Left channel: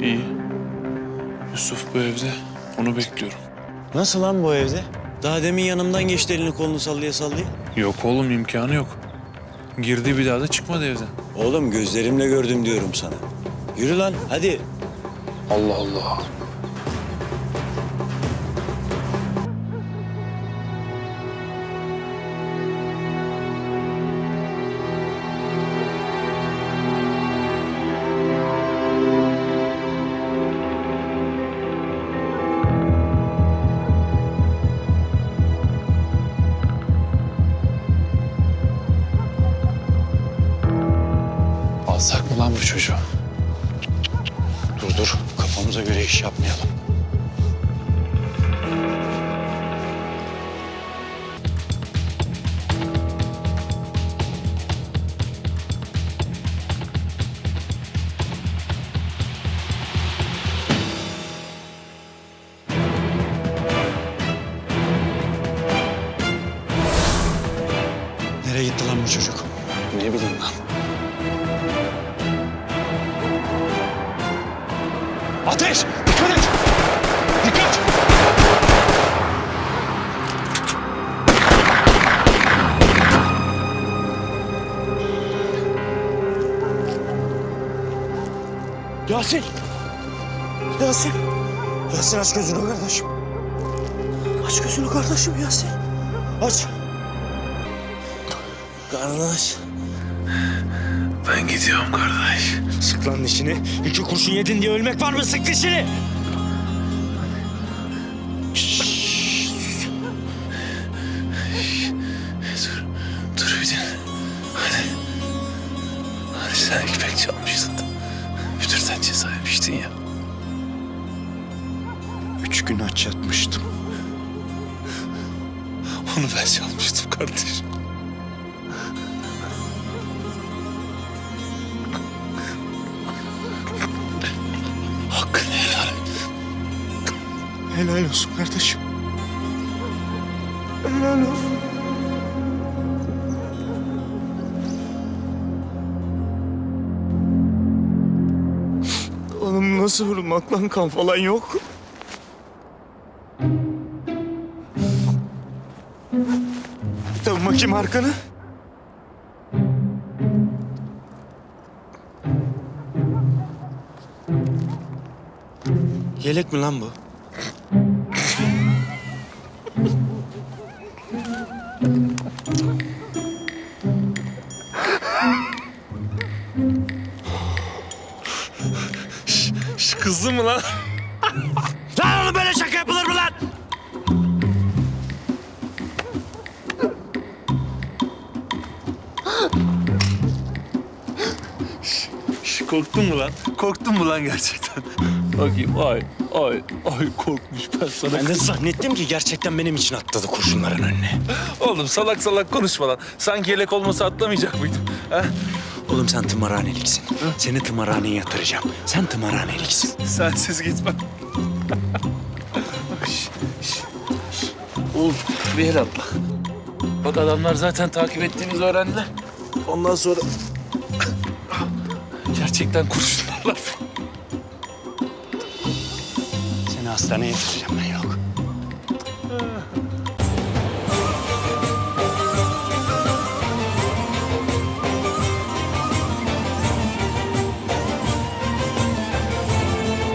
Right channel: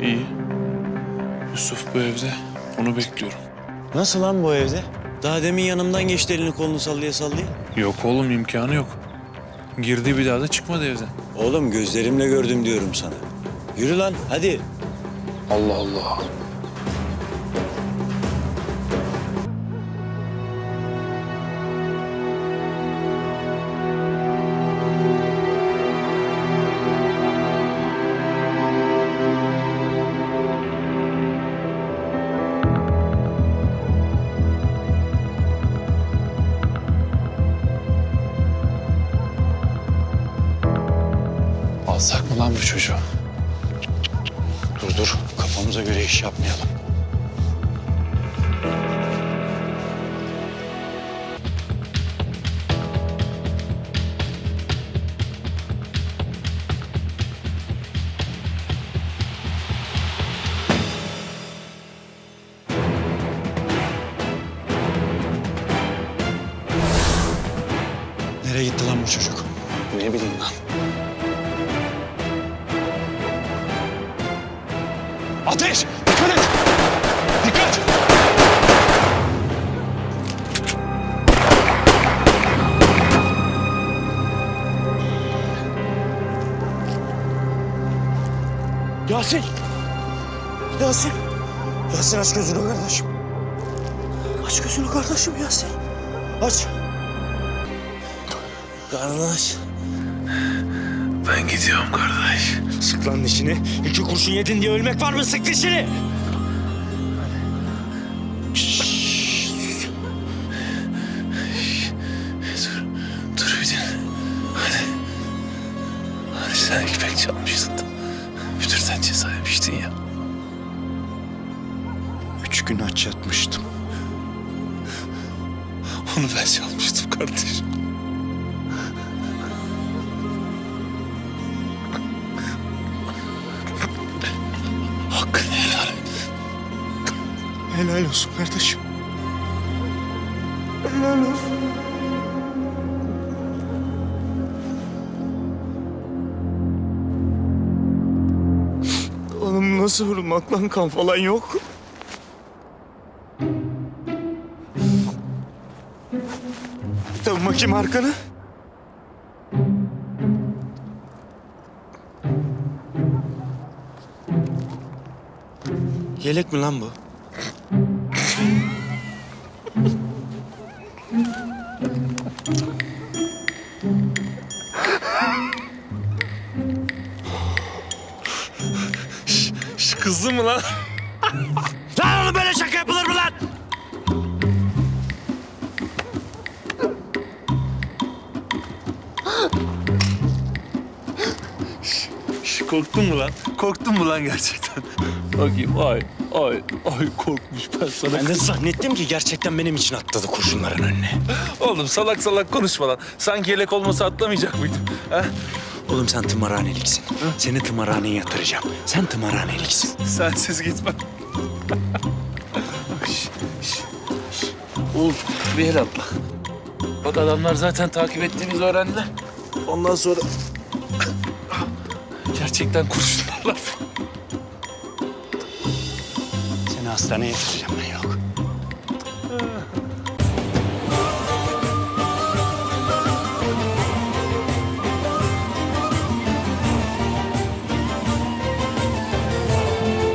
İyi. Yusuf bu evde. Onu bekliyorum. Nasıl lan bu evde? Daha demin yanımdan geçti elini kolunu sallaya sallaya. Yok oğlum, imkanı yok. Girdi, bir daha da çıkmadı evden. Oğlum gözlerimle gördüm diyorum sana. Yürü lan hadi. Allah Allah. Alsak mı lan bu çocuğu? Dur kafamıza göre iş yapmayalım. Nereye gitti lan bu çocuk? Ne bileyim lan. Ateş! Dikkat et! Dikkat! Yasin! Yasin! Yasin aç gözünü kardeşim. Aç gözünü kardeşim Yasin. Aç. Kardeş. Ben gidiyorum kardeş. Sık lan dişini. 2 kurşun yedin diye ölmek var mı? Sık dişini! Dur bir dinle. Hadi. Hani sen ekmek çalmıştın. Müdürden ceza yemiştin ya. 3 gün aç yatmıştım. Onu ben çalmıştım kardeşim. Hakkını helal et. Helal olsun kardeşim. Helal olsun. Oğlum nasıl vurulmak lan, kan falan yok. Dön bakayım arkanı. Yelek mi lan bu? Kızdı mı lan? Lan oğlum böyle şaka yapılır mı lan? Korktun mu lan? Korktun mu lan gerçekten? Bakayım, ay korkmuş ben sana. Ben de zannettim ki gerçekten benim için atladı kurşunların önüne. Oğlum salak salak konuşma lan. Sanki yelek olmasa atlamayacak mıydım? Ha? Oğlum sen tımarhaneliksin. Seni tımarhaneye yatıracağım. Sen tımarhaneliksin. Sensiz gitmem. Oğlum bir el atla. Bak adamlar zaten takip ettiğimizi öğrendiler. Ondan sonra gerçekten kurşunlarlar. Seni hastaneye yatıracağım ben, yok.